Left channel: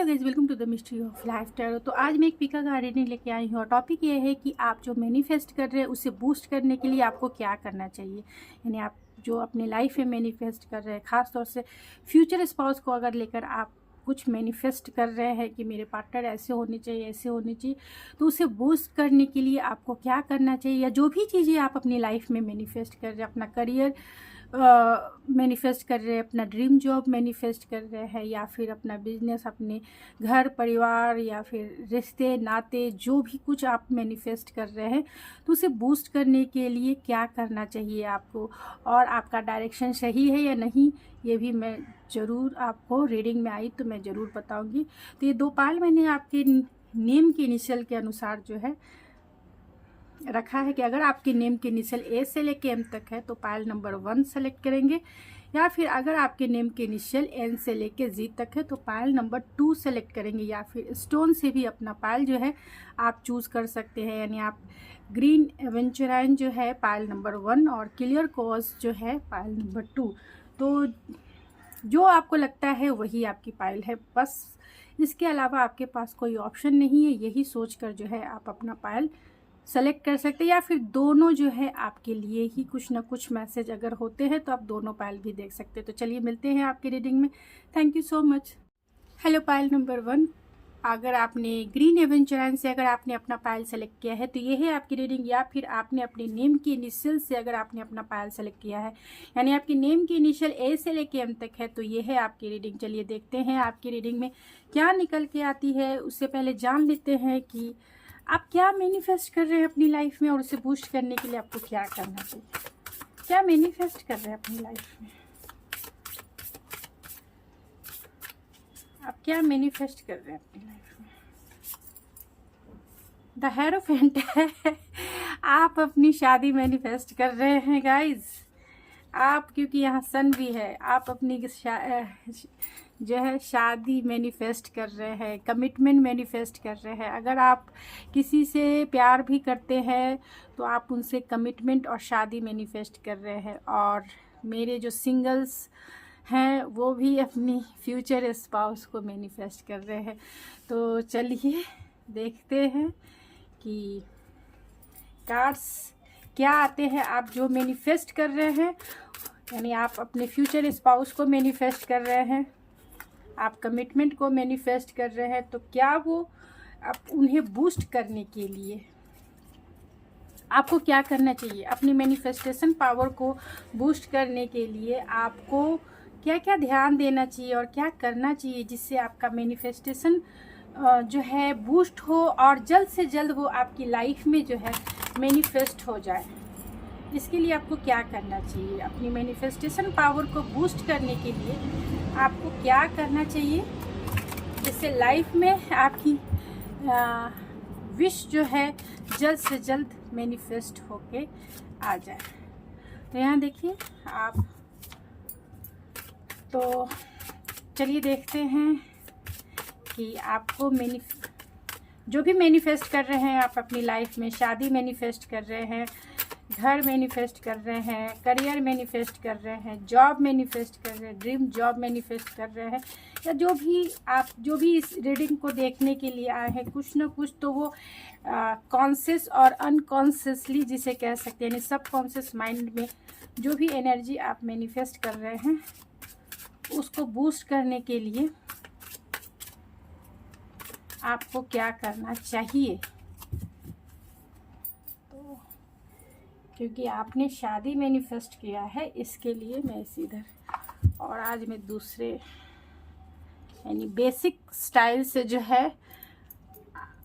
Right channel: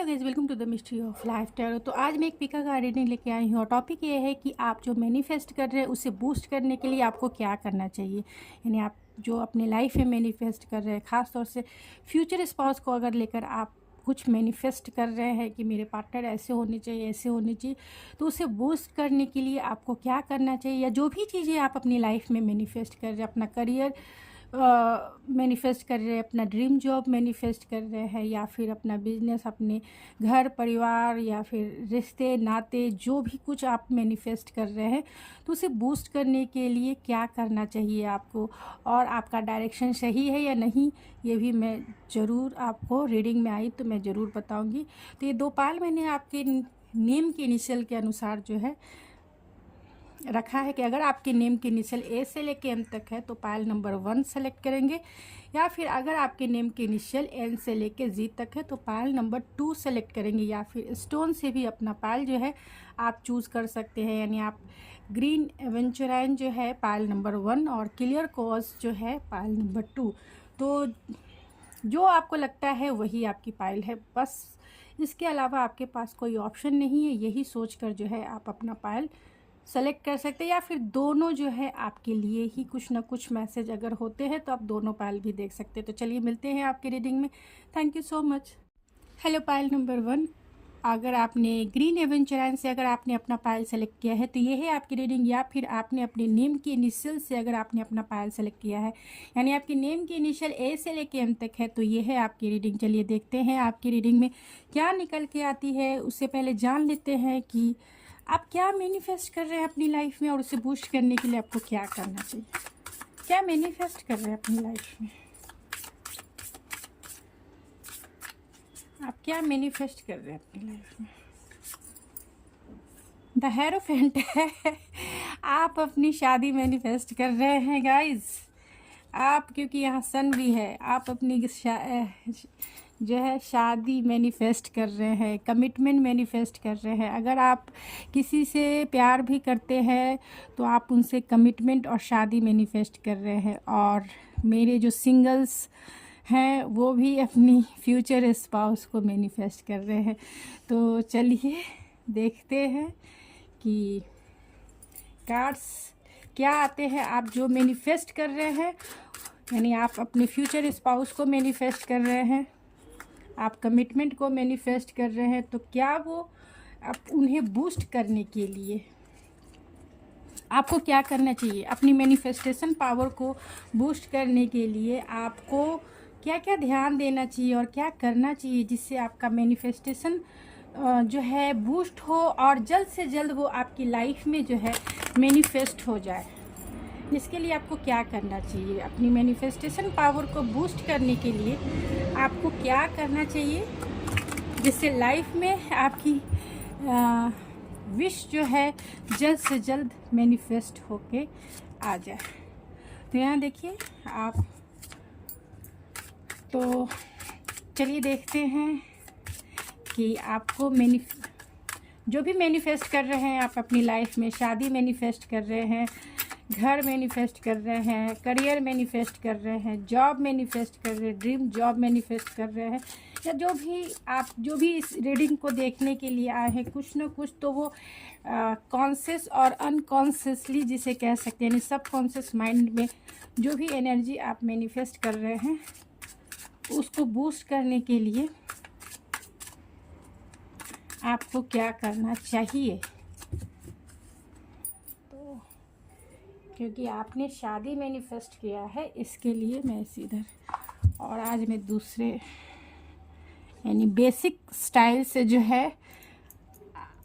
Hello guys, welcome to the mystery of life tarot. तो आज मैं एक पिका का रीडिंग लेके आई हूँ और टॉपिक ये है कि आप जो मैनिफेस्ट कर रहे हैं उसे बूस्ट करने के लिए आपको क्या करना चाहिए। यानी आप जो अपने लाइफ में मैनिफेस्ट कर रहे हैं, ख़ास तौर से फ्यूचर स्पाउस को अगर लेकर आप कुछ मैनिफेस्ट कर रहे हैं कि मेरे पार्टनर ऐसे होने चाहिए, ऐसे होने चाहिए, तो उसे बूस्ट करने के लिए आपको क्या करना चाहिए। या जो भी चीज़ें आप अपनी लाइफ में मैनिफेस्ट कर रहे हैं, अपना करियर मैनिफेस्ट कर रहे हैं, अपना ड्रीम जॉब मैनिफेस्ट कर रहे हैं, या फिर अपना बिजनेस, अपने घर परिवार, या फिर रिश्ते नाते, जो भी कुछ आप मैनिफेस्ट कर रहे हैं, तो उसे बूस्ट करने के लिए क्या करना चाहिए आपको, और आपका डायरेक्शन सही है या नहीं, ये भी मैं ज़रूर आपको रीडिंग में आई तो मैं ज़रूर बताऊंगी। तो ये 2 पायल मैंने आपके नेम के इनिशियल के अनुसार जो है रखा है कि अगर आपके नेम के इनिशियल ए से लेके एम तक है तो पायल नंबर 1 सेलेक्ट करेंगे, या फिर अगर आपके नेम के इनिशियल एन से लेके जी तक है तो पायल नंबर 2 सेलेक्ट करेंगे, या फिर स्टोन से भी अपना पायल जो है आप चूज़ कर सकते हैं। यानी आप ग्रीन एवेंचुराइन जो है पायल नंबर 1 और क्लियर कॉज जो है पायल नंबर 2। तो जो आपको लगता है वही आपकी पायल है, बस इसके अलावा आपके पास कोई ऑप्शन नहीं है। यही सोचकर जो है आप अपना पायल सेलेक्ट कर सकते हैं, या फिर दोनों जो है आपके लिए ही कुछ ना कुछ मैसेज अगर होते हैं तो आप दोनों पायल भी देख सकते हैं। तो चलिए मिलते हैं आपकी रीडिंग में। Thank you so much. Hello pile number 1, अगर आपने ग्रीन एवेंचुराइन से अगर आपने अपना पायल सेलेक्ट किया है तो ये है आपकी रीडिंग, या फिर आपने अपने नेम की इनिशियल से अगर आपने अपना पायल सेलेक्ट किया है, यानी आपके नेम की इनिशियल ए से लेके एम तक है, तो ये है आपकी रीडिंग। चलिए देखते हैं आपकी रीडिंग में क्या निकल के आती है। उससे पहले जान लेते हैं कि आप क्या मैनिफेस्ट कर रहे हैं अपनी लाइफ में, और उसे बूस्ट करने के लिए आपको क्या करना चाहिए। क्या मैनिफेस्ट कर रहे हैं अपनी लाइफ में, आप क्या मैनिफेस्ट कर रहे हैं अपनी लाइफ में। द हेरोफेंट है। आप अपनी शादी मैनिफेस्ट कर रहे हैं गाइज। आप, क्योंकि यहाँ सन भी है, आप अपनी जो है शादी मैनिफेस्ट कर रहे हैं, कमिटमेंट मैनिफेस्ट कर रहे हैं। अगर आप किसी से प्यार भी करते हैं तो आप उनसे कमिटमेंट और शादी मैनिफेस्ट कर रहे हैं। और मेरे जो सिंगल्स हैं वो भी अपनी फ्यूचर स्पाउस को मैनिफेस्ट कर रहे हैं। तो चलिए देखते हैं कि कार्ड्स क्या आते हैं। आप जो मैनिफेस्ट कर रहे हैं, यानी आप अपने फ्यूचर स्पाउस को मैनिफेस्ट कर रहे हैं, आप कमिटमेंट को मैनिफेस्ट कर रहे हैं, तो क्या वो आप उन्हें बूस्ट करने के लिए आपको क्या करना चाहिए। अपनी मैनिफेस्टेशन पावर को बूस्ट करने के लिए आपको क्या क्या ध्यान देना चाहिए और क्या करना चाहिए जिससे आपका मैनिफेस्टेशन जो है बूस्ट हो और जल्द से जल्द वो आपकी लाइफ में जो है मैनिफेस्ट हो जाए। इसके लिए आपको क्या करना चाहिए, अपनी मैनिफेस्टेशन पावर को बूस्ट करने के लिए आपको क्या करना चाहिए जिससे लाइफ में आपकी विश जो है जल्द से जल्द मैनिफेस्ट होके आ जाए। तो यहाँ देखिए आप, तो चलिए देखते हैं कि आपको जो भी मैनिफेस्ट कर रहे हैं आप अपनी लाइफ में, शादी मैनिफेस्ट कर रहे हैं, घर मैनिफेस्ट कर रहे हैं, करियर मैनिफेस्ट कर रहे हैं, जॉब मैनिफेस्ट कर रहे हैं, ड्रीम जॉब मैनिफेस्ट कर रहे हैं, या जो भी आप जो भी इस रीडिंग को देखने के लिए आए हैं, कुछ ना कुछ तो वो कॉन्शियस और अनकॉन्शियसली जिसे कह सकते हैं, यानी सब कॉन्शियस माइंड में जो भी एनर्जी आप मैनिफेस्ट कर रहे हैं उसको बूस्ट करने के लिए आपको क्या करना चाहिए। तो क्योंकि आपने शादी मैनिफेस्ट किया है, इसके लिए मैं इधर, और आज मैं दूसरे यानी बेसिक स्टाइल से जो है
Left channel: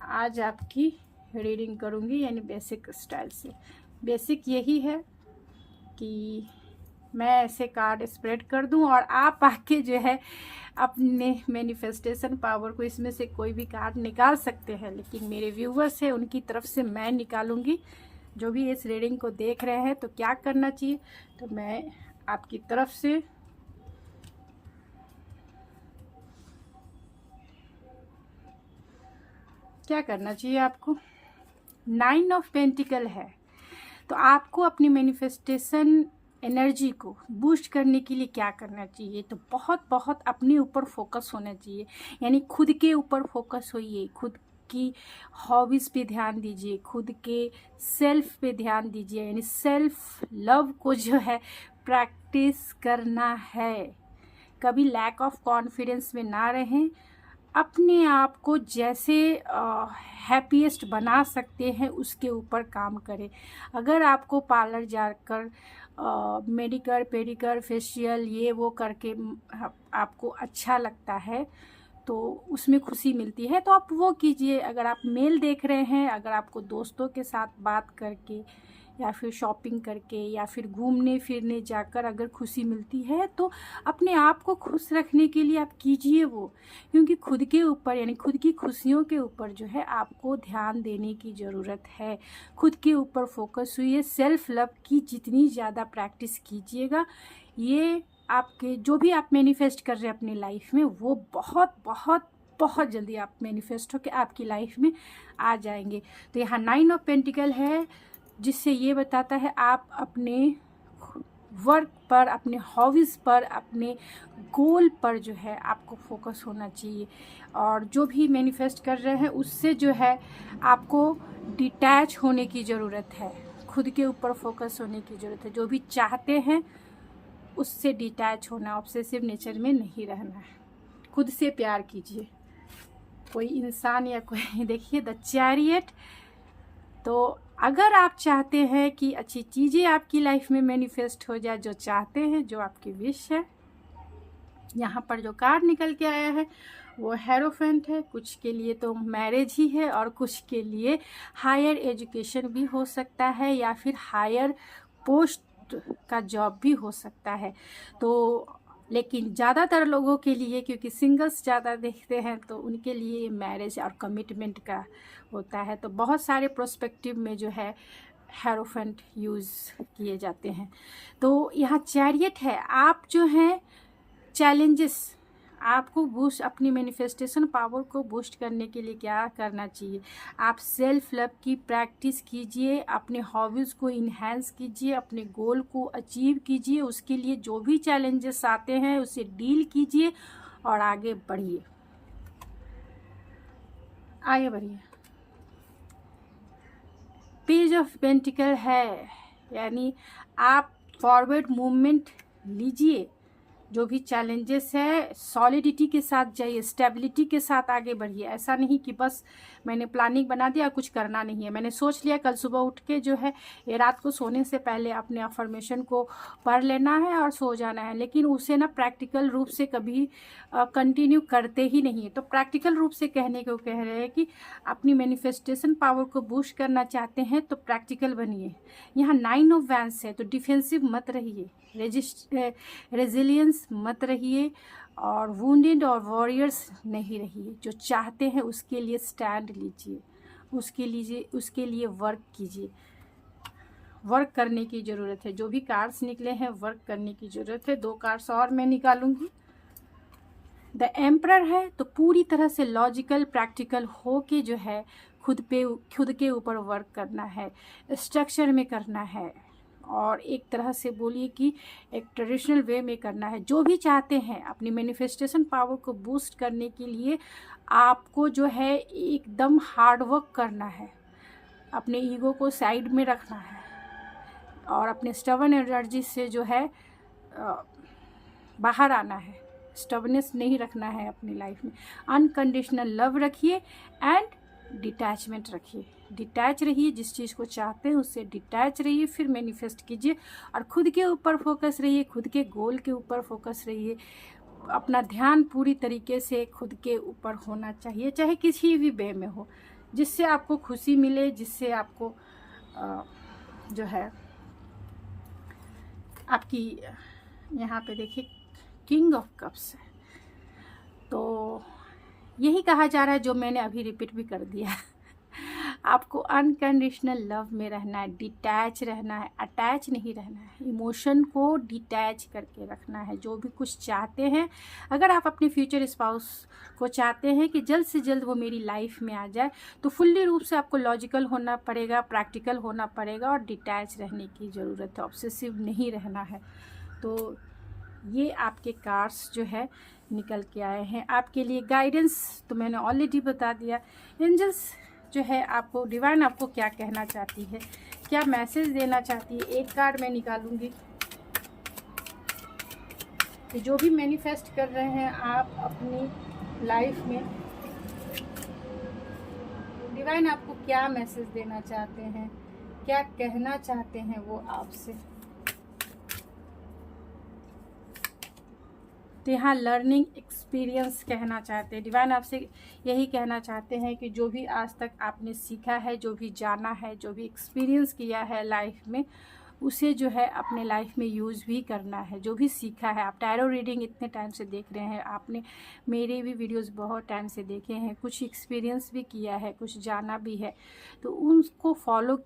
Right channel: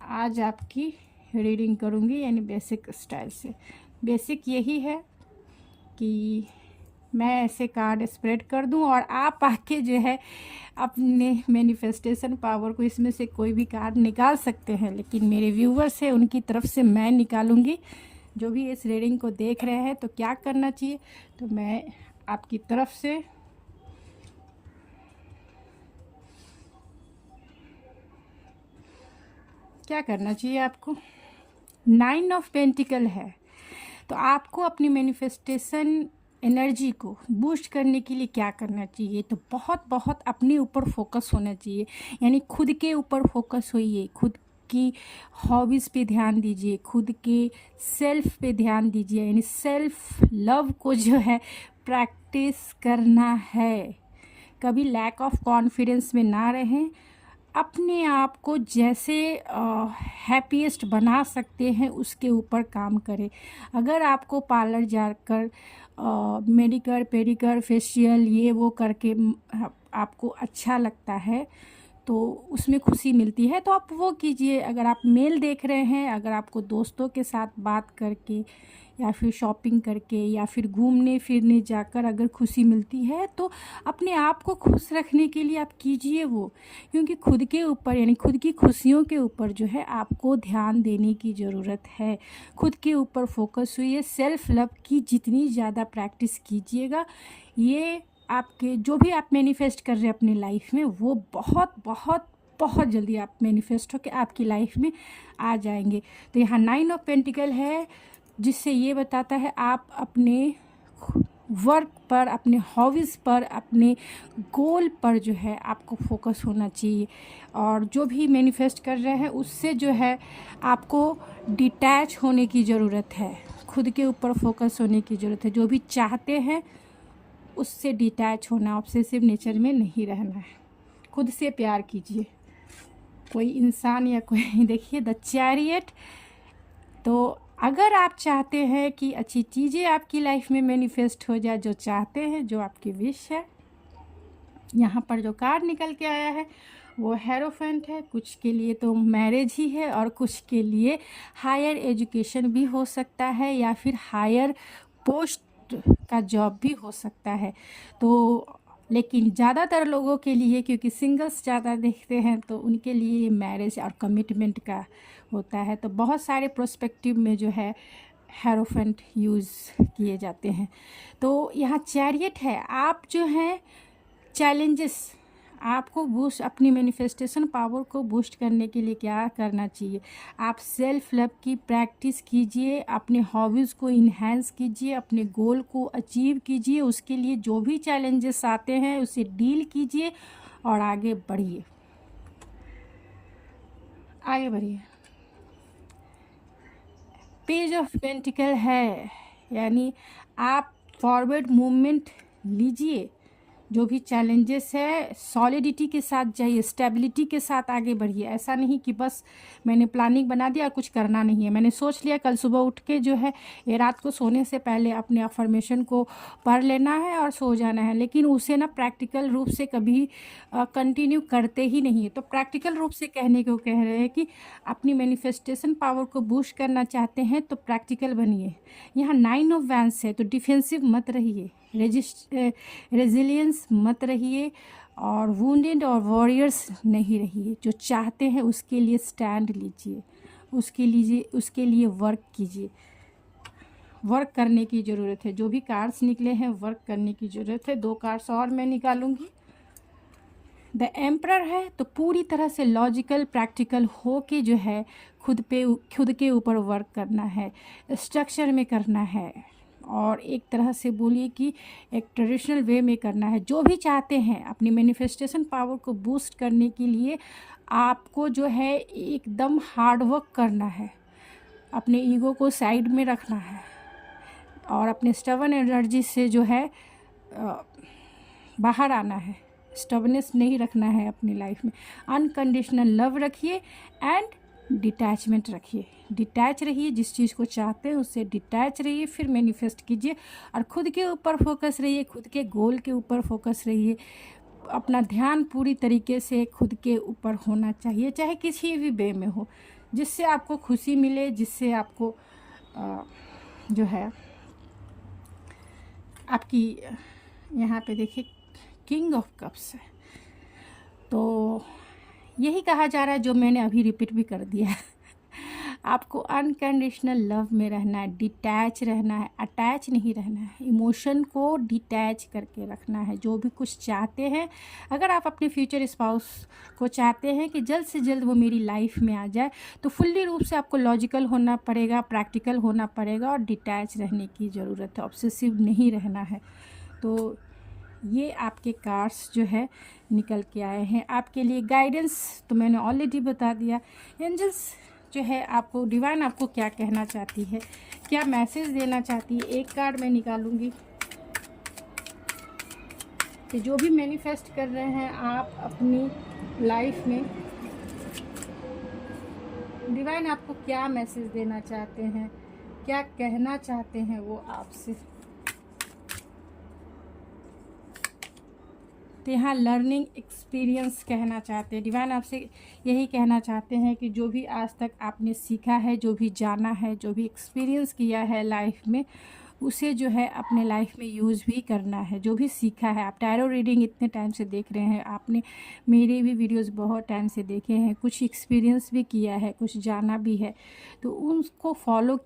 आज आपकी रीडिंग करूँगी। यानी बेसिक स्टाइल से, बेसिक यही है कि मैं ऐसे कार्ड स्प्रेड कर दूं और आप आके जो है अपने मैनिफेस्टेशन पावर को, इसमें से कोई भी कार्ड निकाल सकते हैं, लेकिन मेरे व्यूवर्स हैं उनकी तरफ से मैं निकालूंगी। जो भी इस रीडिंग को देख रहे हैं तो क्या करना चाहिए, तो मैं आपकी तरफ से क्या करना चाहिए आपको। 9 ऑफ पेंटिकल है, तो आपको अपनी मैनिफेस्टेशन एनर्जी को बूस्ट करने के लिए क्या करना चाहिए, तो बहुत बहुत अपने ऊपर फोकस होना चाहिए। यानी खुद के ऊपर फोकस होइए, खुद की हॉबीज़ पे ध्यान दीजिए, खुद के सेल्फ पे ध्यान दीजिए। यानी सेल्फ लव को जो है प्रैक्टिस करना है। कभी लैक ऑफ कॉन्फिडेंस में ना रहें। अपने आप को जैसे हैप्पीएस्ट बना सकते हैं उसके ऊपर काम करें। अगर आपको पार्लर जाकर मेडिकर पेडिकर फेशियल ये वो करके आपको अच्छा लगता है, तो उसमें खुशी मिलती है, तो आप वो कीजिए। अगर आप मेल देख रहे हैं, अगर आपको दोस्तों के साथ बात करके या फिर शॉपिंग करके या फिर घूमने फिरने जाकर अगर खुशी मिलती है, तो अपने आप को खुश रखने के लिए आप कीजिए वो। क्योंकि खुद के ऊपर यानी खुद की खुशियों के ऊपर जो है आपको ध्यान देने की ज़रूरत है। खुद के ऊपर फोकस हुई है। सेल्फ लव की जितनी ज़्यादा प्रैक्टिस कीजिएगा, ये आपके जो भी आप मैनिफेस्ट कर रहे हैं अपनी लाइफ में, वो बहुत बहुत बहुत जल्दी आप मैनिफेस्ट होकर आपकी लाइफ में आ जाएंगे। तो यहाँ 9 ऑफ पेंटिकल है, जिससे ये बताता है आप अपने वर्क पर, अपने हॉबीज़ पर, अपने गोल पर जो है आपको फोकस होना चाहिए। और जो भी मैनिफेस्ट कर रहे हैं उससे जो है आपको डिटैच होने की ज़रूरत है। खुद के ऊपर फोकस होने की ज़रूरत है। जो भी चाहते हैं उससे डिटैच होना, ऑब्सेसिव नेचर में नहीं रहना है। खुद से प्यार कीजिए। कोई इंसान या कोई देखिए द चैरियट। तो अगर आप चाहते हैं कि अच्छी चीज़ें आपकी लाइफ में मैनिफेस्ट हो जाए, जो चाहते हैं, जो आपकी विश है, यहाँ पर जो कार्ड निकल के आया है वो हेरोफेंट है। कुछ के लिए तो मैरिज ही है और कुछ के लिए हायर एजुकेशन भी हो सकता है या फिर हायर पोस्ट का जॉब भी हो सकता है। तो लेकिन ज़्यादातर लोगों के लिए, क्योंकि सिंगल्स ज़्यादा देखते हैं, तो उनके लिए मैरिज और कमिटमेंट का होता है। तो बहुत सारे प्रोस्पेक्टिव में जो है हेरोफेंट यूज़ किए जाते हैं। तो यहाँ चैरियट है। आप जो हैं चैलेंजेस, आपको बूस्ट अपनी मैनिफेस्टेशन पावर को बूस्ट करने के लिए क्या करना चाहिए, आप सेल्फ लव की प्रैक्टिस कीजिए, अपने हॉबीज़ को इन्हेंस कीजिए, अपने गोल को अचीव कीजिए। उसके लिए जो भी चैलेंजेस आते हैं उसे डील कीजिए और आगे बढ़िए, आगे बढ़िए। पेज ऑफ पेंटिकल है, यानी आप फॉरवर्ड मूवमेंट लीजिए। जो भी चैलेंजेस है सॉलिडिटी के साथ जाइए, स्टेबिलिटी के साथ आगे बढ़िए। ऐसा नहीं कि बस मैंने प्लानिंग बना दिया और कुछ करना नहीं है, मैंने सोच लिया कल सुबह उठ के जो है ये रात को सोने से पहले अपने अफर्मेशन को पढ़ लेना है और सो जाना है, लेकिन उसे ना प्रैक्टिकल रूप से कभी कंटिन्यू करते ही नहीं है। तो प्रैक्टिकल रूप से कहने को कह रहे हैं कि अपनी मैनिफेस्टेशन पावर को बूस्ट करना चाहते हैं तो प्रैक्टिकल बनिए। यहाँ 9 ऑफ वैंड्स है, तो डिफेंसिव मत रहिए, रेजिलियंस मत रहिए और वुंडेड और वॉरियर्स नहीं रहिए। जो चाहते हैं उसके लिए स्टैंड लीजिए, उसके लिए वर्क कीजिए। वर्क करने की ज़रूरत है। जो भी कार्ड्स निकले हैं वर्क करने की ज़रूरत है। 2 कार्ड्स और मैं निकालूंगी। द एम्परर है, तो पूरी तरह से लॉजिकल प्रैक्टिकल हो के जो है खुद के ऊपर वर्क करना है, स्ट्रक्चर में करना है और एक तरह से बोलिए कि एक ट्रेडिशनल वे में करना है। जो भी चाहते हैं अपनी मैनिफेस्टेशन पावर को बूस्ट करने के लिए आपको जो है एकदम हार्ड वर्क करना है, अपने ईगो को साइड में रखना है और अपने स्टबर्न एनर्जी से जो है बाहर आना है। स्टबनेस नहीं रखना है अपनी लाइफ में। अनकंडीशनल लव रखिए एंड डिटैचमेंट रखिए। डिटैच रहिए, जिस चीज़ को चाहते हैं उससे डिटैच रहिए, फिर मैनिफेस्ट कीजिए और खुद के ऊपर फोकस रहिए, खुद के गोल के ऊपर फोकस रहिए। अपना ध्यान पूरी तरीके से खुद के ऊपर होना चाहिए, चाहे किसी भी वे में हो, जिससे आपको खुशी मिले, जिससे आपको जो है आपकी यहाँ पे देखिए किंग ऑफ कप्स है। तो यही कहा जा रहा है जो मैंने अभी रिपीट भी कर दिया। आपको अनकंडीशनल लव में रहना है, डिटैच रहना है, अटैच नहीं रहना है, इमोशन को डिटैच करके रखना है। जो भी कुछ चाहते हैं, अगर आप अपने फ्यूचर स्पाउस को चाहते हैं कि जल्द से जल्द वो मेरी लाइफ में आ जाए, तो फुल्ली रूप से आपको लॉजिकल होना पड़ेगा, प्रैक्टिकल होना पड़ेगा और डिटैच रहने की ज़रूरत है, ऑब्सेसिव नहीं रहना है। तो ये आपके कार्ड्स जो है निकल के आए हैं आपके लिए। गाइडेंस तो मैंने ऑलरेडी बता दिया। एंजल्स जो है आपको, डिवाइन आपको क्या कहना चाहती है, क्या मैसेज देना चाहती है। एक कार्ड मैं निकालूंगी कि जो भी मैनिफेस्ट कर रहे हैं आप अपनी लाइफ में, डिवाइन आपको क्या मैसेज देना चाहते हैं, क्या कहना चाहते हैं वो आपसे। तो यहाँ लर्निंग एक्सपीरियंस कहना चाहते हैं डिवाइन, आपसे यही कहना चाहते हैं कि जो भी आज तक आपने सीखा है, जो भी जाना है, जो भी एक्सपीरियंस किया है लाइफ में, उसे जो है अपने लाइफ में यूज़ भी करना है। जो भी सीखा है, आप टैरो रीडिंग इतने टाइम से देख रहे हैं, आपने मेरे भी वीडियोस बहुत टाइम से देखे हैं, कुछ एक्सपीरियंस भी किया है, कुछ जाना भी है, तो उनको फॉलो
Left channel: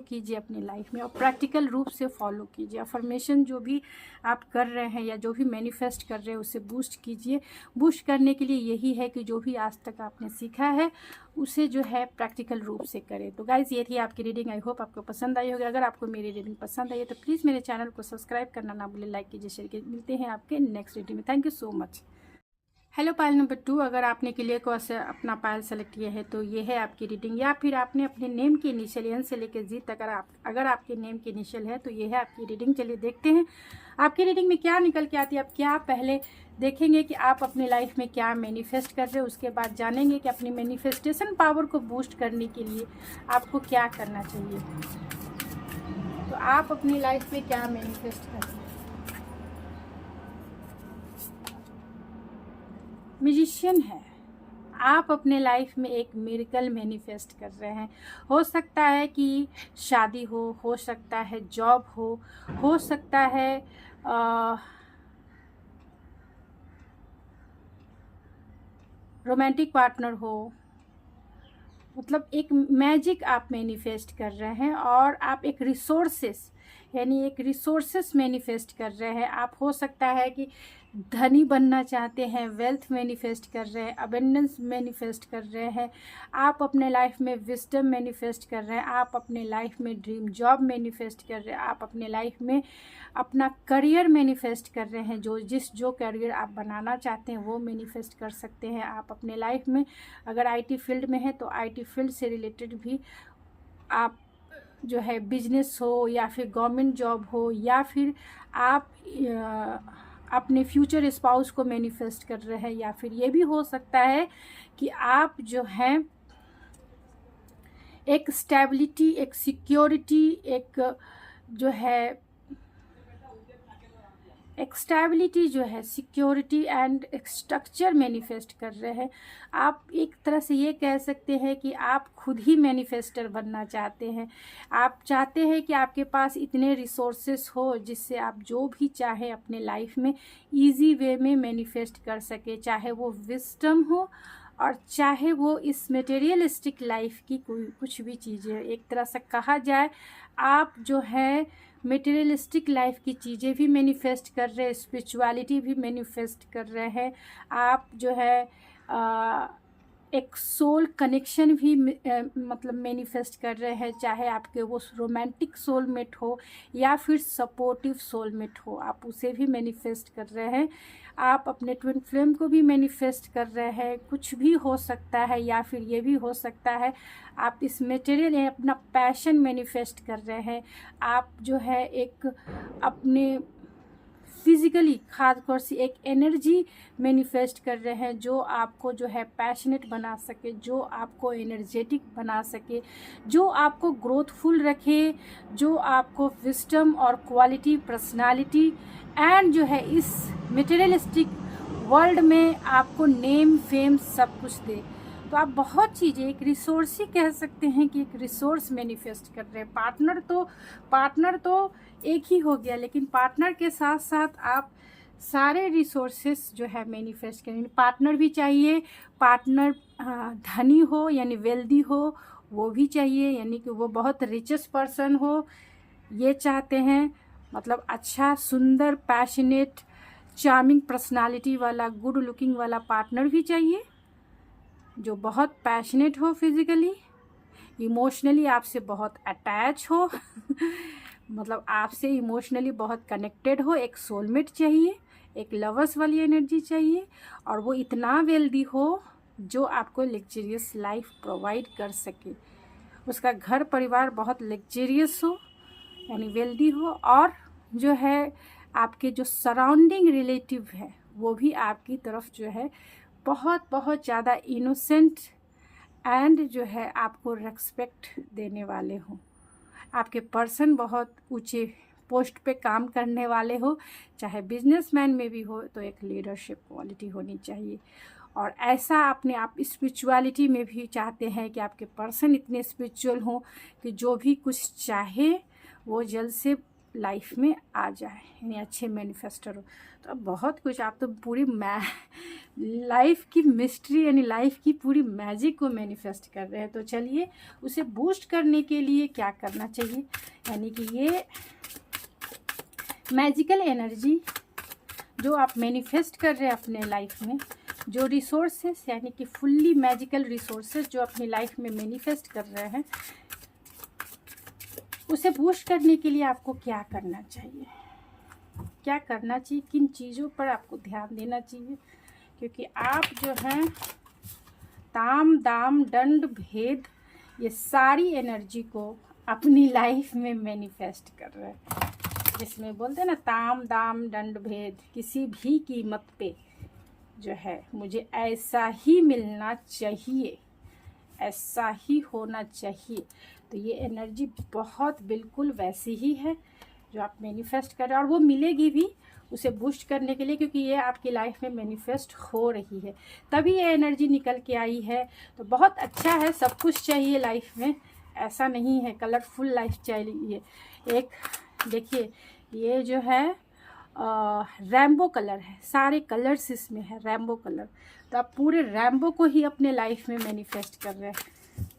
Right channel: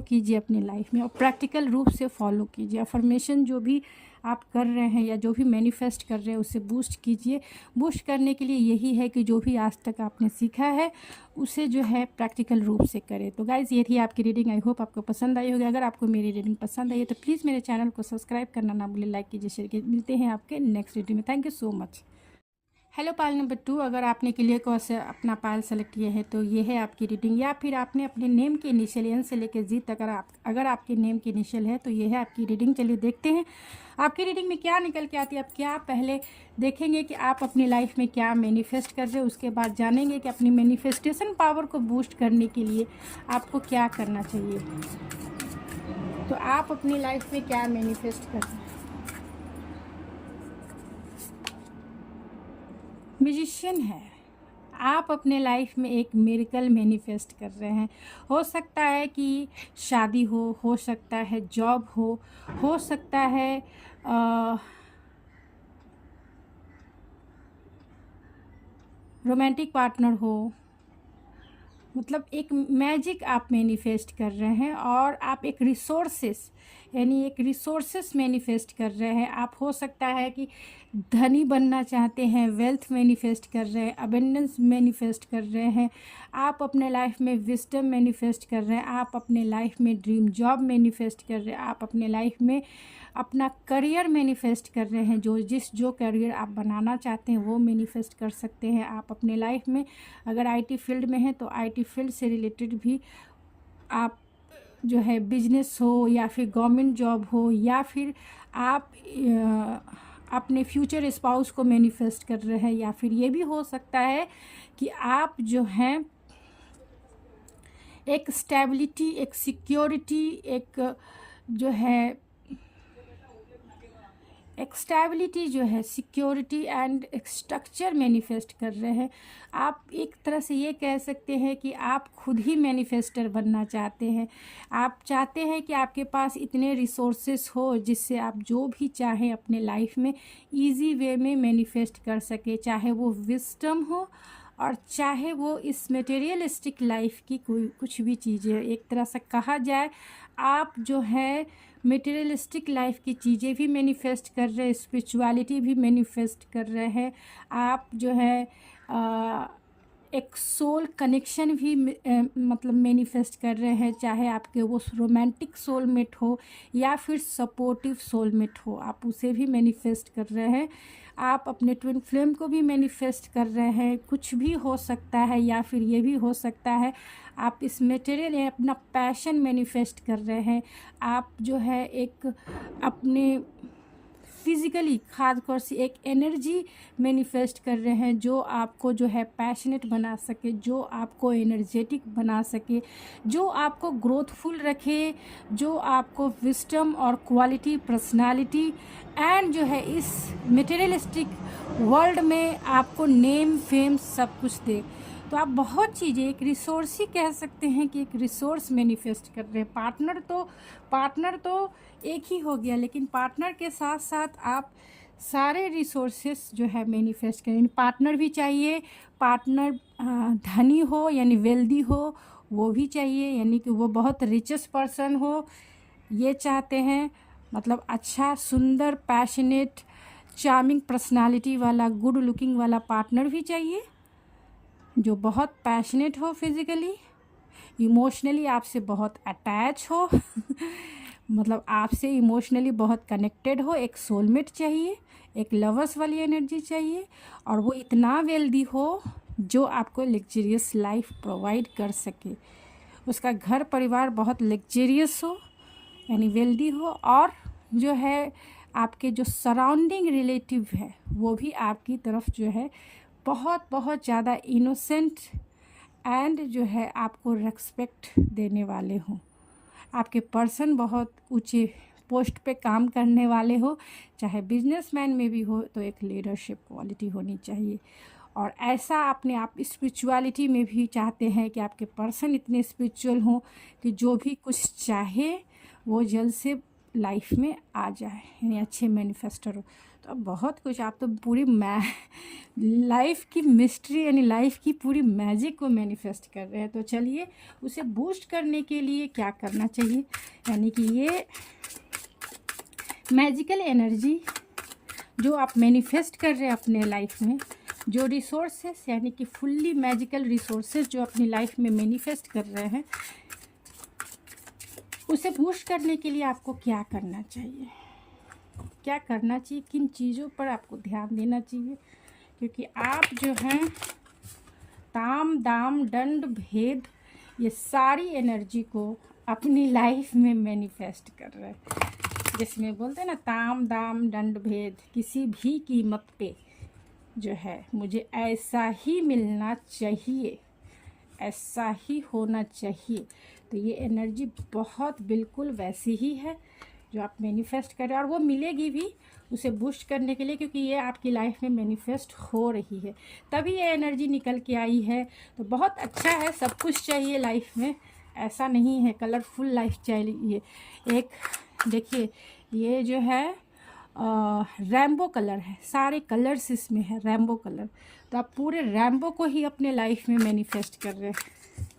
कीजिए अपनी लाइफ में और प्रैक्टिकल रूप से फॉलो कीजिए। अफर्मेशन जो भी आप कर रहे हैं या जो भी मैनिफेस्ट कर रहे हैं उसे बूस्ट कीजिए। बूस्ट करने के लिए यही है कि जो भी आज तक आपने सीखा है उसे जो है प्रैक्टिकल रूप से करें। तो गाइज़, ये थी आपकी रीडिंग। आई होप आपको पसंद आई होगी। अगर आपको मेरी रीडिंग पसंद आई है तो प्लीज़ मेरे चैनल को सब्सक्राइब करना ना भूलें, लाइक कीजिए, शेयर कीजिए। मिलते हैं आपके नेक्स्ट रीडिंग में। Thank you so much. Hello pile number 2, अगर आपने क्लियर को अपना पायल सेलेक्ट किया है तो ये है आपकी रीडिंग, या फिर आपने अपने नेम की इनिशियल एन से लेकर जी तक अगर आपके नेम की इनिशियल है तो ये है आपकी रीडिंग। चलिए देखते हैं आपकी रीडिंग में क्या निकल के आती है। आप क्या पहले देखेंगे कि आप अपनी लाइफ में क्या मैनिफेस्ट कर रहे हो, उसके बाद जानेंगे कि अपनी मैनिफेस्टेशन पावर को बूस्ट करने के लिए आपको क्या करना चाहिए। तो आप अपनी लाइफ में क्या मैनिफेस्ट कर रहे हैं। म्यूजिशियन है, आप अपने लाइफ में एक मिरेकल मैनिफेस्ट कर रहे हैं। हो सकता है कि शादी हो सकता है जॉब हो सकता है रोमांटिक पार्टनर हो, मतलब एक मैजिक आप मैनिफेस्ट कर रहे हैं और आप एक रिसोर्सेस मैनिफेस्ट कर रहे हैं। आप हो सकता है कि धनी बनना चाहते हैं, वेल्थ मैनिफेस्ट कर रहे हैं, अबंडेंस मैनिफेस्ट कर रहे हैं, आप अपने लाइफ में विजडम मैनिफेस्ट कर रहे हैं, आप अपने लाइफ में ड्रीम जॉब मैनिफेस्ट कर रहे हैं, आप अपने लाइफ में अपना करियर मैनिफेस्ट कर रहे हैं। जो करियर आप बनाना चाहते हैं वो मैनिफेस्ट कर सकते हैं आप अपने लाइफ में। अगर आईटी फील्ड में है तो आईटी फील्ड से रिलेटेड भी आप जो है बिजनेस हो या फिर गवर्नमेंट जॉब हो, या फिर आप अपने फ्यूचर स्पाउस को मैनिफेस्ट कर रहे हैं, या फिर ये भी हो सकता है कि आप जो हैं एक स्टेबिलिटी, एक सिक्योरिटी, एक जो है एक स्टेबिलिटी जो है, सिक्योरिटी एंड एक स्ट्रक्चर मैनिफेस्ट कर रहे हैं। आप एक तरह से ये कह सकते हैं कि आप खुद ही मैनिफेस्टर बनना चाहते हैं। आप चाहते हैं कि आपके पास इतने रिसोर्सेस हो जिससे आप जो भी चाहें अपने लाइफ में इजी वे में मैनिफेस्ट कर सके, चाहे वो विजडम हो और चाहे वो इस मटेरियलिस्टिक लाइफ की कोई कुछ भी चीज़ें। एक तरह से कहा जाए आप जो है मटेरियलिस्टिक लाइफ की चीज़ें भी मैनिफेस्ट कर रहे हैं, स्पिरिचुअलिटी भी मैनिफेस्ट कर रहे हैं, आप जो है एक सोल कनेक्शन भी मतलब मैनिफेस्ट कर रहे हैं, चाहे आपके वो रोमांटिक सोलमेट हो या फिर सपोर्टिव सोलमेट हो, आप उसे भी मैनिफेस्ट कर रहे हैं। आप अपने ट्विन फ्लेम को भी मैनिफेस्ट कर रहे हैं। कुछ भी हो सकता है, या फिर ये भी हो सकता है आप इस मटेरियल अपना पैशन मैनिफेस्ट कर रहे हैं। आप जो है एक अपने फिज़िकली खासतौर से एक एनर्जी मैनिफेस्ट कर रहे हैं जो आपको जो है पैशनेट बना सके, जो आपको एनर्जेटिक बना सके, जो आपको ग्रोथफुल रखे, जो आपको विजडम और क्वालिटी, पर्सनालिटी एंड जो है इस मटेरियलिस्टिक वर्ल्ड में आपको नेम फेम सब कुछ दे। तो आप बहुत चीज़ें, एक रिसोर्स ही कह सकते हैं कि एक रिसोर्स मैनिफेस्ट कर रहे हैं। पार्टनर तो एक ही हो गया, लेकिन पार्टनर के साथ साथ आप सारे रिसोर्सेस जो है मैनिफेस्ट करें। पार्टनर भी चाहिए, पार्टनर धनी हो यानी वेल्दी हो, वो भी चाहिए, यानी कि वो बहुत रिचेस्ट पर्सन हो, ये चाहते हैं। मतलब अच्छा, सुंदर, पैशनेट, चार्मिंग पर्सनालिटी वाला, गुड लुकिंग वाला पार्टनर भी चाहिए, जो बहुत पैशनेट हो फिज़िकली, इमोशनली आपसे बहुत अटैच हो मतलब आपसे इमोशनली बहुत कनेक्टेड हो। एक सोलमेट चाहिए, एक लवर्स वाली एनर्जी चाहिए, और वो इतना वेल्दी हो जो आपको लग्जरियस लाइफ प्रोवाइड कर सके। उसका घर परिवार बहुत लग्जरियस हो यानी वेल्दी हो, और जो है आपके जो सराउंडिंग रिलेटिव है वो भी आपकी तरफ जो है बहुत बहुत ज़्यादा इनोसेंट एंड जो है आपको रेस्पेक्ट देने वाले हों। आपके पर्सन बहुत ऊंचे पोस्ट पे काम करने वाले हो, चाहे बिजनेसमैन में भी हो तो एक लीडरशिप क्वालिटी होनी चाहिए। और ऐसा अपने आप स्पिरिचुअलिटी में भी चाहते हैं कि आपके पर्सन इतने स्पिरिचुअल हों कि जो भी कुछ चाहे वो जल्द से लाइफ में आ जाए, यानी अच्छे मैनिफेस्टर हो। तो अब बहुत कुछ, आप तो पूरी लाइफ की मिस्ट्री यानी लाइफ की पूरी मैजिक को मैनिफेस्ट कर रहे हैं। तो चलिए उसे बूस्ट करने के लिए क्या करना चाहिए, यानी कि ये मैजिकल एनर्जी जो आप मैनिफेस्ट कर रहे हैं अपने लाइफ में, जो रिसोर्सेस यानी कि फुल्ली मैजिकल रिसोर्सेस जो अपनी लाइफ में मैनिफेस्ट कर रहे हैं, उसे बूस्ट करने के लिए आपको क्या करना चाहिए, क्या करना चाहिए, किन चीज़ों पर आपको ध्यान देना चाहिए। क्योंकि आप जो हैं ताम दाम दंड भेद ये सारी एनर्जी को अपनी लाइफ में मैनिफेस्ट कर रहे हैं, जिसमें बोलते हैं ना ताम दाम दंड भेद, किसी भी कीमत पे जो है मुझे ऐसा ही मिलना चाहिए, ऐसा ही होना चाहिए। तो ये एनर्जी बहुत बिल्कुल वैसी ही है जो आप मैनिफेस्ट कर रहे हैं, और वो मिलेगी भी उसे बूस्ट करने के लिए, क्योंकि ये आपकी लाइफ में मैनिफेस्ट हो रही है, तभी ये एनर्जी निकल के आई है। तो बहुत अच्छा है, सब कुछ चाहिए लाइफ में, ऐसा नहीं है कलरफुल लाइफ चाहिए। एक देखिए ये जो है रैम्बो कलर है, सारे कलर्स इसमें है रैम्बो कलर, तो आप पूरे रैम्बो को ही अपने लाइफ में मैनिफेस्ट कर रहे हैं।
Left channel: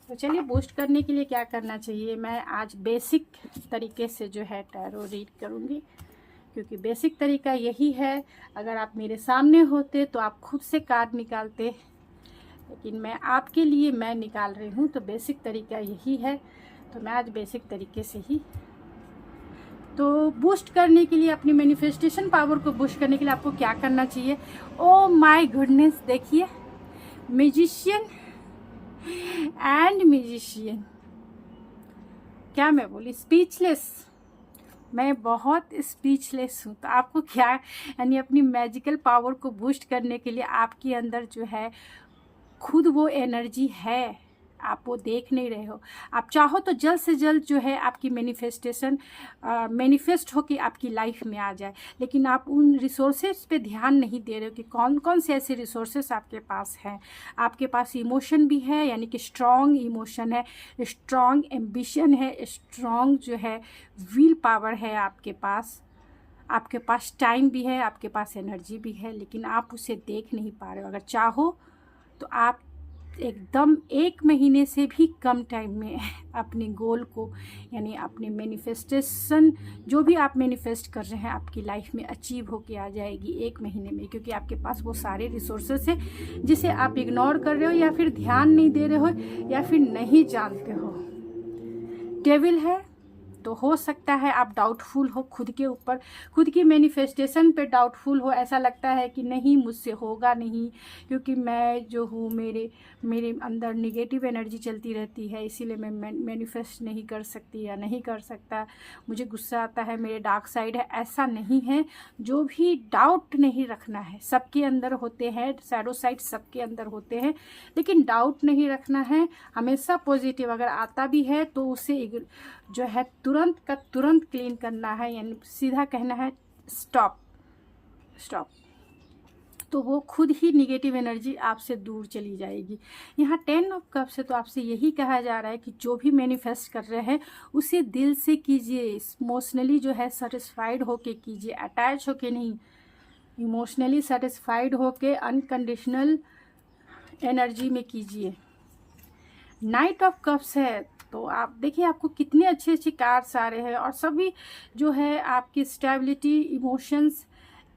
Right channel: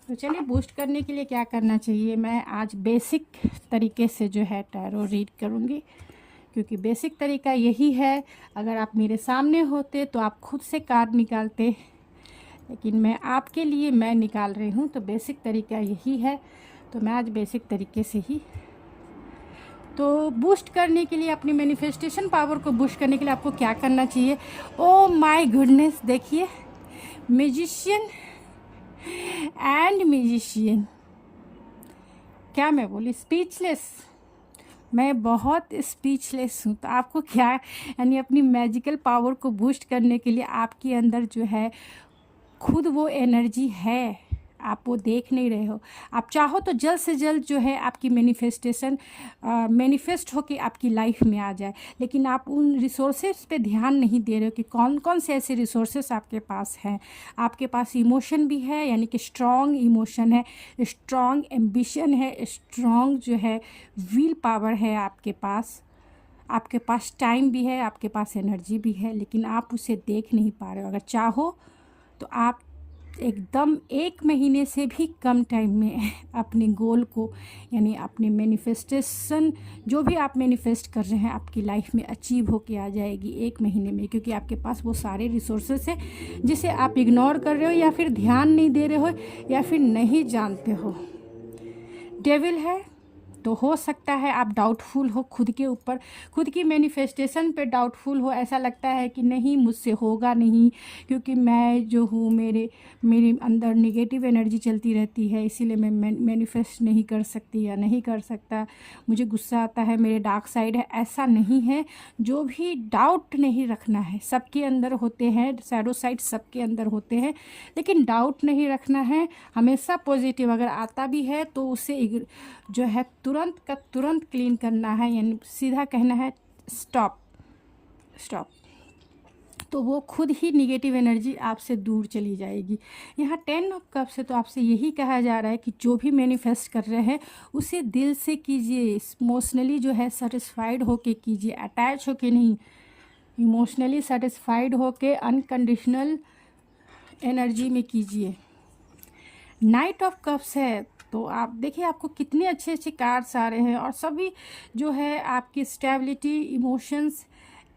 तो चलिए बूस्ट करने के लिए क्या करना चाहिए, मैं आज बेसिक तरीके से जो है टैरो रीड करूँगी, क्योंकि बेसिक तरीका यही है। अगर आप मेरे सामने होते तो आप खुद से कार्ड निकालते, लेकिन मैं आपके लिए मैं निकाल रही हूँ, तो बेसिक तरीका यही है। तो मैं आज बेसिक तरीके से ही, तो बूस्ट करने के लिए, अपनी मैनिफेस्टेशन पावर को बूस्ट करने के लिए आपको क्या करना चाहिए। ओ माय गुडनेस, देखिए मैजिशियन एंड म्यूजिशियन, क्या मैं बोली, स्पीचलेस, मैं बहुत स्पीचलेस हूँ। तो आपको क्या, यानी अपनी मैजिकल पावर को बूस्ट करने के लिए आपके अंदर जो है खुद वो एनर्जी है, आप वो देख नहीं रहे हो। आप चाहो तो जल्द से जल्द जो है आपकी मैनिफेस्टेशन मैनिफेस्ट हो कि आपकी लाइफ में आ जाए, लेकिन आप उन रिसोर्सेज पे ध्यान नहीं दे रहे हो कि कौन कौन से ऐसे रिसोर्सेज आपके पास हैं। आपके पास इमोशन भी है, यानी कि स्ट्रॉन्ग इमोशन है, स्ट्रॉन्ग एम्बिशन है, स्ट्रॉन्ग जो है विल पावर है आपके पास टाइम भी है, आपके पास एनर्जी भी है, लेकिन आप उसे देख नहीं पा रहे हो। अगर चाहो तो आप एकदम 1 महीने से भी कम टाइम में अपने गोल को, यानी अपने मैनिफेस्टेशन जो भी आप मैनिफेस्ट कर रहे हैं आपकी लाइफ में अचीव होके आ जाएगी 1 महीने में, क्योंकि आपके पास वो सारे रिसोर्सेस हैं जिसे आप इग्नोर कर रहे हो, या फिर ध्यान नहीं दे रहे हो, या फिर नहीं जानते हो। डेविल है तो हो सकता है आप डाउटफुल हो खुद के ऊपर, खुद की मैनिफेस्टेशन पे डाउटफुल हो, ऐसा लगता है कि नहीं मुझसे होगा नहीं, क्योंकि मैं जो हूँ मेरे अंदर नेगेटिव एनर्जी चलती रहती है, इसीलिए मैं मैनिफेस्ट नहीं कर सकती या नहीं कर सकता, मुझे गुस्सा आता है, मेरे डार्क साइड है। ऐसा नहीं है, जो भी डाउट नहीं रखना है, सबके अंदर होते हैं शैडो साइड, सबके अंदर होते हैं, लेकिन डाउट नहीं रखना है, हमेशा पॉजिटिव, अगर आता भी है तो उसे जो है तुरंत का तुरंत क्लीन करना है, यानी सीधा कहना है स्टॉप स्टॉप, तो वो खुद ही निगेटिव एनर्जी आपसे दूर चली जाएगी। यहाँ 10 ऑफ कप से तो आपसे यही कहा जा रहा है कि जो भी मैनिफेस्ट कर रहे हैं उसे दिल से कीजिए, इमोशनली जो है सेटिस्फाइड होके कीजिए, अटैच होके नहीं। इमोशनली सेटिस्फाइड होके अनकंडीशनल एनर्जी में कीजिए। नाइट ऑफ कप्स है तो आप देखिए आपको कितने अच्छे अच्छे कार्ड्स आ रहे हैं और सभी जो है आपकी स्टेबिलिटी, इमोशंस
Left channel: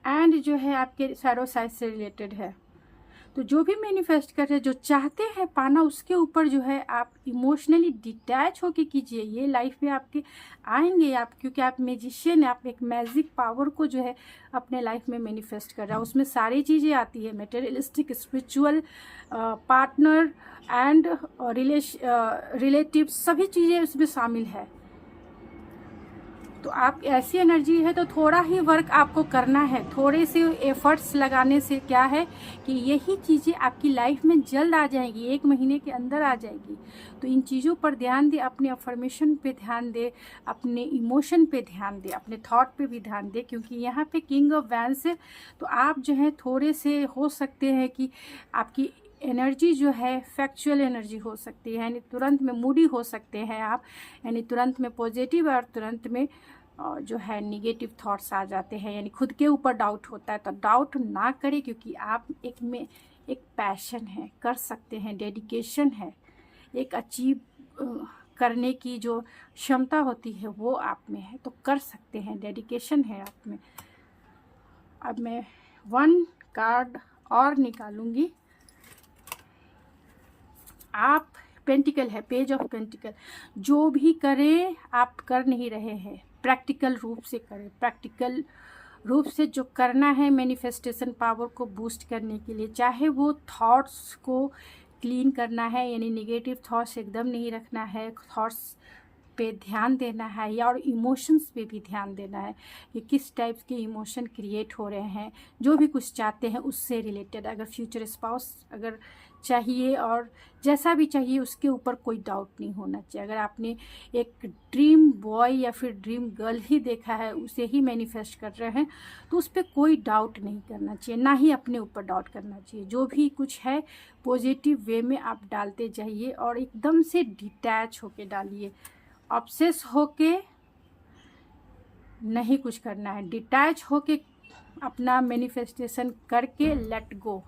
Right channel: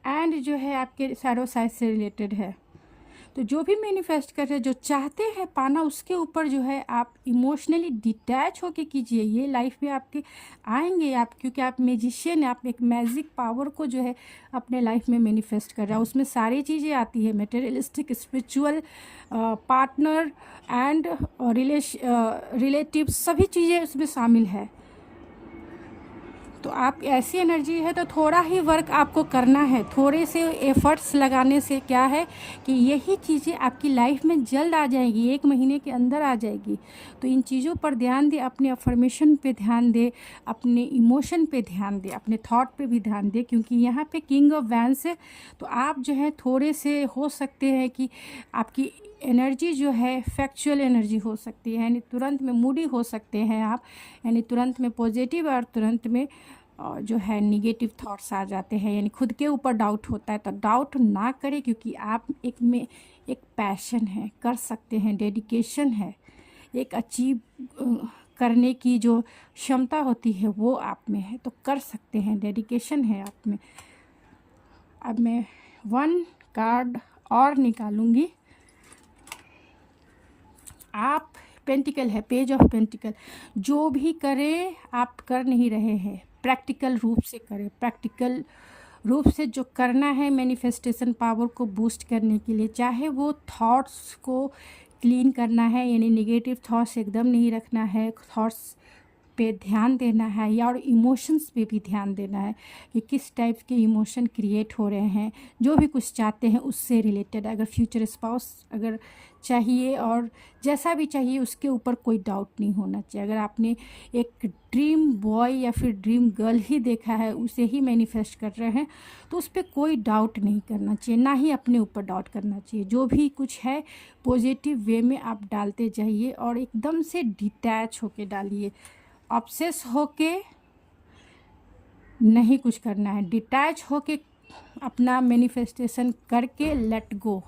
एंड जो है आपके शैडो साइड से रिलेटेड है। तो जो भी मैनिफेस्ट कर रहे हैं, जो चाहते हैं पाना, उसके ऊपर जो है आप इमोशनली डिटैच होके कीजिए। ये लाइफ में आपके आएंगे आप, क्योंकि आप मैजिशियन हैं, आप एक मैजिक पावर को जो है अपने लाइफ में मैनिफेस्ट कर रहे हैं। उसमें सारी चीज़ें आती है, materialistic, spiritual, partner and relative, सभी चीज़ें उसमें शामिल है। तो आप ऐसी एनर्जी है तो थोड़ा ही वर्क आपको करना है, थोड़े से एफर्ट्स लगाने से क्या है कि यही चीज़ें आपकी लाइफ में जल्द आ जाएगी, 1 महीने के अंदर आ जाएगी। तो इन चीज़ों पर ध्यान दें, अपने अफर्मेशन पे ध्यान दें, अपने इमोशन पे ध्यान दें, अपने थॉट पे भी ध्यान दें, क्योंकि यहाँ पे किंग ऑफ वैंस है। तो आप जो है थोड़े से हो सकते हैं कि आपकी एनर्जी जो है फैक्चुअल एनर्जी हो सकती है, यानी तुरंत में मूडी हो सकते हैं आप, यानी तुरंत में पॉजिटिव और तुरंत में जो है निगेटिव थॉट्स आ जाते हैं, यानी खुद के ऊपर डाउट होता है। तो डाउट ना करें, क्योंकि आप एक पैशन है, कर सकते हैं, डेडिकेशन है, एक अचीव करने की जो क्षमता होती है वो आप में है, तो कर सकते हैं, डेडिकेशन है आप में। अब मैं 1 कार्ड और निकालूंगी। आप पेंटिकल है, पेज ऑफ पेंटिकल। जो भी करें आप कर नहीं रहे हैं, प्रैक्टिकल रूप से करें। प्रैक्टिकल रूप से जो करना है मैनिफेस्टेशन पावर को बूस्ट करने के लिए, चाहे वो थॉट्स को क्लीन करना है, यानी नेगेटिव थॉट्स एकदम नहीं रखना है, थॉट्स पे ध्यान देना है, या और इमोशंस पे भी ध्यान देना है कि किस टाइप के इमोशन क्रिएट हो रहे हैं। जो भी कुछ चाहते हैं उससे रिलेटेड, अगर फ्यूचर स्पाउस अगर चाहिए और जैसा भी चाहिए, उसके ऊपर कोई डाउट नहीं होना चाहिए। अगर आपने एक ड्रीम बॉय या फिर ड्रीम गर्ल ही देखा है, उसे ही मैनिफेस्ट कर रहे हैं, तो उस पर कोई डाउट नहीं करना चाहिए, ना ही अपने ऊपर डाउट करना चाहिए। जो भी कुछ है पॉजिटिव वे में आप डालते जाइए और एकदम से डिटैच होके डालिए। ऑब्सेस होके नहीं कुछ करना है, डिटैच होके अपना मैनिफेस्टेशन करके लेट गो,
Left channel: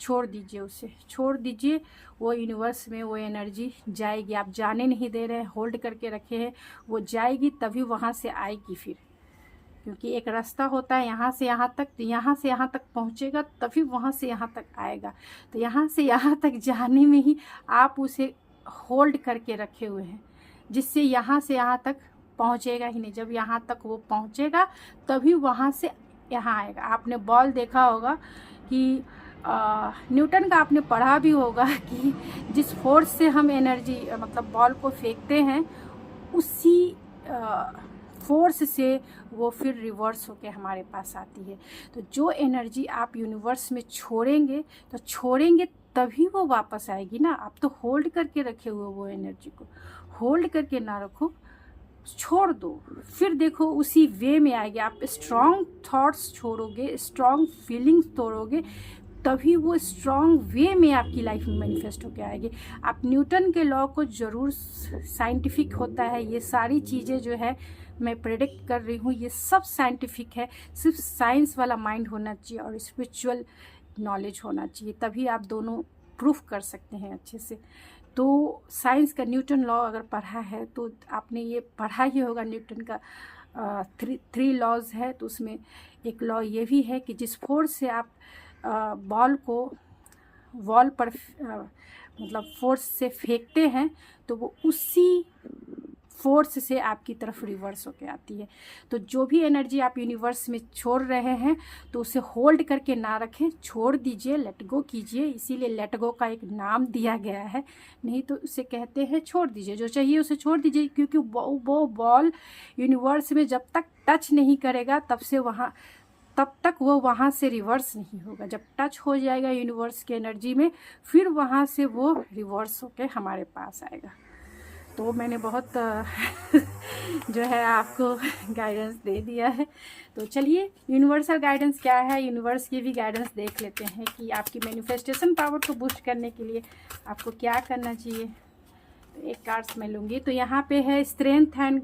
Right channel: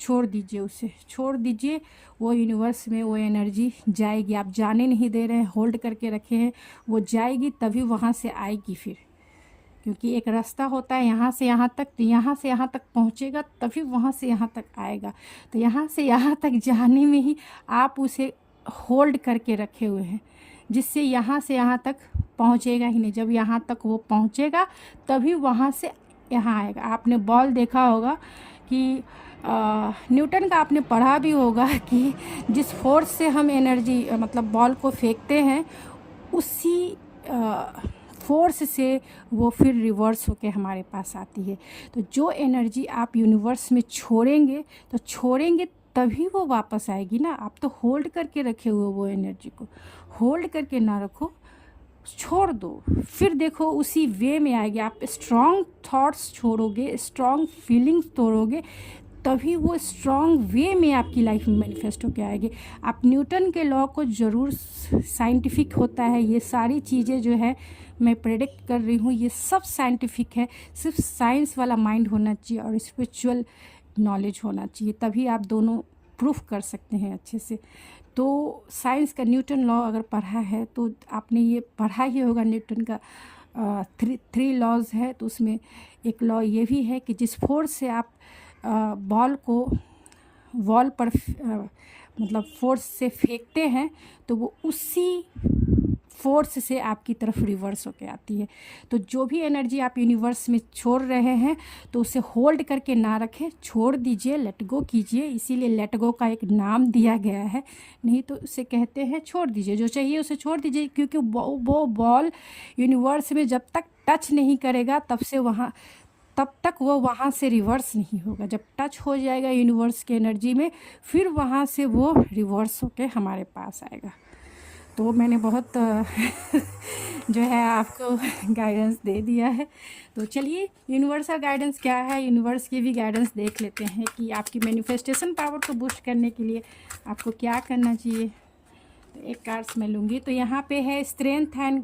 छोड़ दीजिए, उसे छोड़ दीजिए। वो यूनिवर्स में वो एनर्जी जाएगी, आप जाने नहीं दे रहे हैं, होल्ड करके रखे हैं, वो जाएगी तभी वहाँ से आएगी फिर, क्योंकि एक रास्ता होता है यहाँ से यहाँ तक, तो यहाँ से यहाँ तक पहुँचेगा तभी वहाँ से यहाँ तक आएगा। तो यहाँ से यहाँ तक जाने में ही आप उसे होल्ड करके रखे हुए हैं, जिससे यहाँ से यहाँ तक पहुँचेगा ही नहीं। जब यहाँ तक वो पहुँचेगा तभी वहाँ से यहाँ आएगा। आपने बॉल देखा होगा कि न्यूटन का आपने पढ़ा भी होगा कि जिस फोर्स से हम एनर्जी मतलब बॉल को फेंकते हैं, उसी फोर्स से वो फिर रिवर्स होके हमारे पास आती है। तो जो एनर्जी आप यूनिवर्स में छोड़ेंगे तभी वो वापस आएगी ना। आप तो होल्ड करके रखे हुए, वो एनर्जी को होल्ड करके ना रखो, छोड़ दो, फिर देखो उसी वे में आएगी। आप स्ट्रॉन्ग थॉट्स छोड़ोगे, स्ट्रॉन्ग फीलिंग्स तोड़ोगे, तभी वो स्ट्रॉन्ग वे में आपकी लाइफ में मैनिफेस्ट होकर आएगी। आप न्यूटन के लॉ को ज़रूर, साइंटिफिक होता है ये सारी चीज़ें जो है मैं प्रेडिक्ट कर रही हूँ, ये सब साइंटिफिक है। सिर्फ साइंस वाला माइंड होना चाहिए और स्पिरिचुअल नॉलेज होना चाहिए, तभी आप दोनों प्रूफ कर सकते हैं अच्छे से। तो साइंस का न्यूटन लॉ अगर पढ़ा है तो आपने ये पढ़ा ही होगा, न्यूटन का 3 लॉज है। तो उसमें एक लॉ ये भी है कि जिस फोर्स से आप बॉल को वॉल पर मतलब फोर्स से फेंकते हैं, तो वो उसी फोर्स से आपकी तरफ रिवर्स होके आती है। तो जो भी एनर्जी आप यूनिवर्स में छोड़ रहे हैं, तो उसे होल्ड करके ना रखें, छोड़ दीजिए, लेट गो कीजिए। इसीलिए लेट गो का एक नाम दिया गया है, नहीं तो उसे कहते हैं छोड़ दीजिए, जो चाहिए उसे छोड़ दीजिए। क्योंकि वो बॉल यूनिवर्स में जब तक टच नहीं करेगा तब तक वो वहाँ से रिवर्स नहीं होगा। जब टच हो जाएगा यूनिवर्स के एनर्जी में, फिर वहाँ से वो रिवर्स होके हमारे पास आएगा। तो मैंने बहुत जो है आपको गाइडेंस दे दिया है। तो चलिए यूनिवर्सल गाइडेंस क्या है, यूनिवर्स की भी गाइडेंस देख लेते हैं कि आपकी मैनिफेस्टेशन पावर को बूस्ट करने के लिए आपको क्या करना चाहिए। तो एक कार्ड्स मैं लूँगी। तो यहाँ पे है स्ट्रेंथ एंड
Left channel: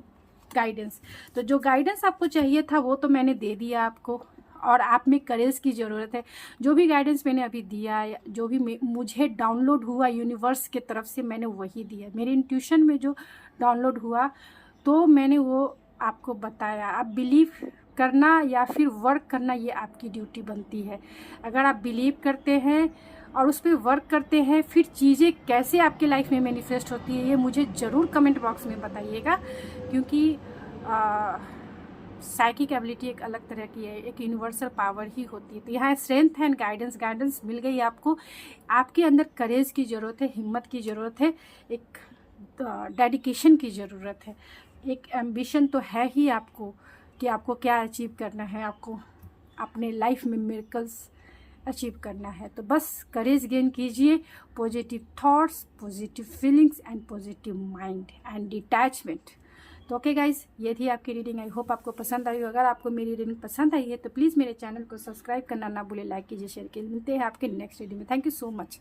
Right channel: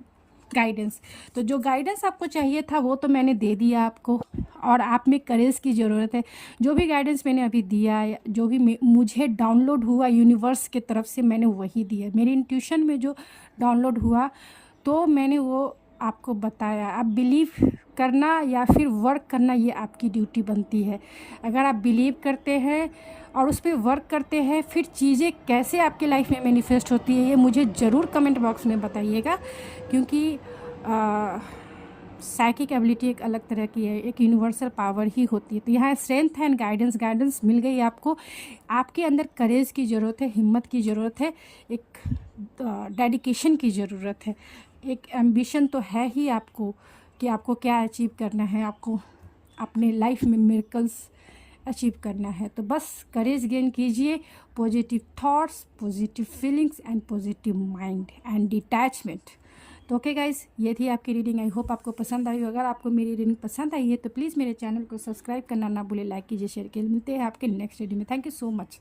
गाइडेंस। तो जो गाइडेंस आपको चाहिए था वो तो मैंने दे दिया आपको, और आप में करेज की ज़रूरत है। जो भी गाइडेंस मैंने अभी दिया है, जो भी मुझे डाउनलोड हुआ यूनिवर्स की तरफ से, मैंने वही दिया। मेरी इंट्यूशन में जो डाउनलोड हुआ तो मैंने वो आपको बताया। आप बिलीव करना या फिर वर्क करना, ये आपकी ड्यूटी बनती है। अगर आप बिलीव करते हैं और उस पर वर्क करते हैं, फिर चीज़ें कैसे आपकी लाइफ में मैनिफेस्ट होती है, ये मुझे ज़रूर कमेंट बॉक्स में बताइएगा। क्योंकि साइकिक एबिलिटी एक अलग तरह की है, एक यूनिवर्सल पावर ही होती है। तो यहाँ स्ट्रेंथ एंड गाइडेंस मिल गई आपको। आपके अंदर करेज की ज़रूरत है, हिम्मत की ज़रूरत है, एक डेडिकेशन की ज़रूरत है, एक एम्बिशन तो है ही आपको कि आपको क्या अचीव करना है, आपको अपने लाइफ में मिरेकल्स अचीव करना है। तो बस करेज गेन कीजिए, positive thoughts, positive feelings and positive mind and detachment. तो ओके गाइज, ये थी आपकी रीडिंग। आई होप आपको पसंद आई हो। अगर आपको मेरी रीडिंग पसंद आई है तो प्लीज़ मेरे चैनल को सब्सक्राइब करना ना भूलें, लाइक कीजिए, शेयर कीजिए। मिलते हैं आपके नेक्स्ट रीडिंग में। Thank you so much.